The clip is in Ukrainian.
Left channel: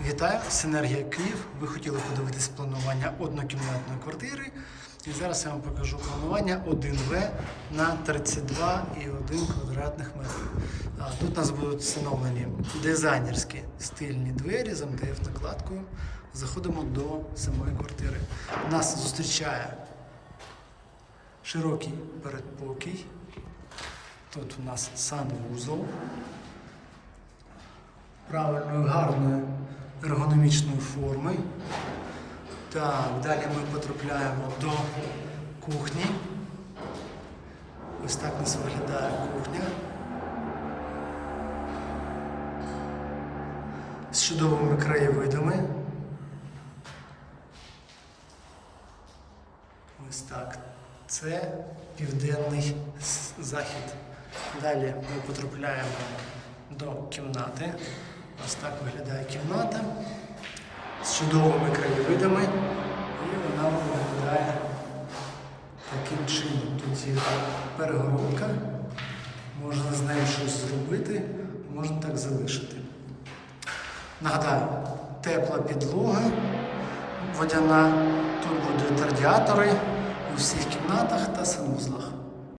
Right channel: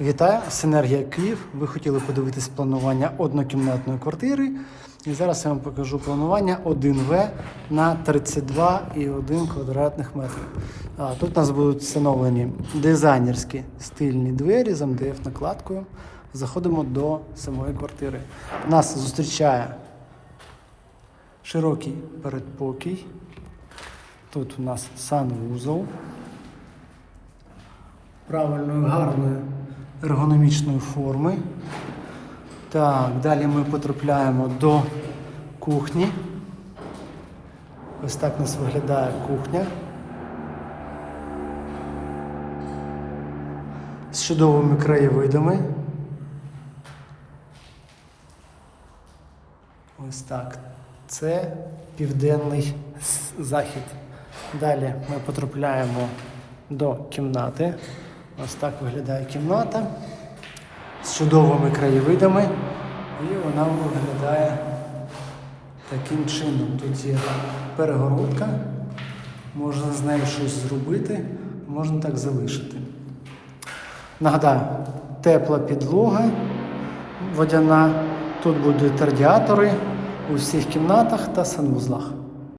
Вітаю, Синергія Київ. Ви хотіли подивитись планування однокімнатної квартири. І зараз я вам покажу планування 1В на 32,1 квадратних метрів. Тут у нас будуть встановлені дизайнерські стильні двері з МДФ накладкою. Заходимо до самої квартири. Нас зустрічає широкий передпокій. Тут у нас санвузол правильної, гарної ергономічної форми. Так, далі ми потрапляємо до кухні. Ось так у нас виглядає кухня. З чудовими краєвидами. Ось так. Це південний захід. Далі ми потрапляємо до кімнати. Ось так виглядає кімната з чудовими краєвидами. І вона виглядає таким чином. Тут є перегородка, можна з нею щось зробити, можна так залишити. Нагадаю, тепла підлога водяна. Тут будуть радіатори у всіх кімнатах та санвузлах.